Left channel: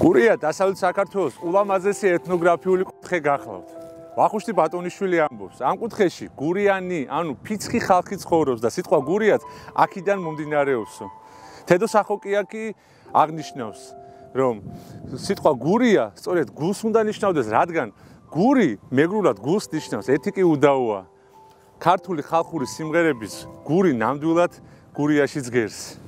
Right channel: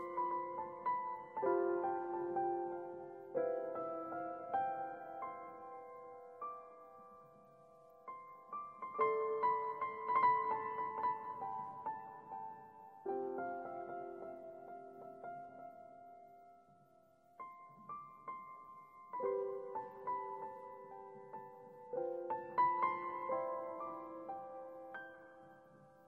გურია დასავლეთ საქართველოს ულამაზესი ეთნოგრაფიული კუთხე გახლავთ. ვახუშტი ბატონიშვილი ამბობს, ამ კუთხეში გურიანი, ანუ ფიცხი ხალხი ცხოვრობს და სიტყვა გურიაც აქედან მომდინარეობსო. თედო სახოკიაკი აღნიშნავს, რომ სიტყვა გურია სწორედ გულს უნდა ნიშნავდეს, რადგან გური მეგრულად გულს ნიშნავს, ეთიკი უდაოა. ქართული ხალხური სიმღერების გური ნამდვილად გურიაში ძგერს.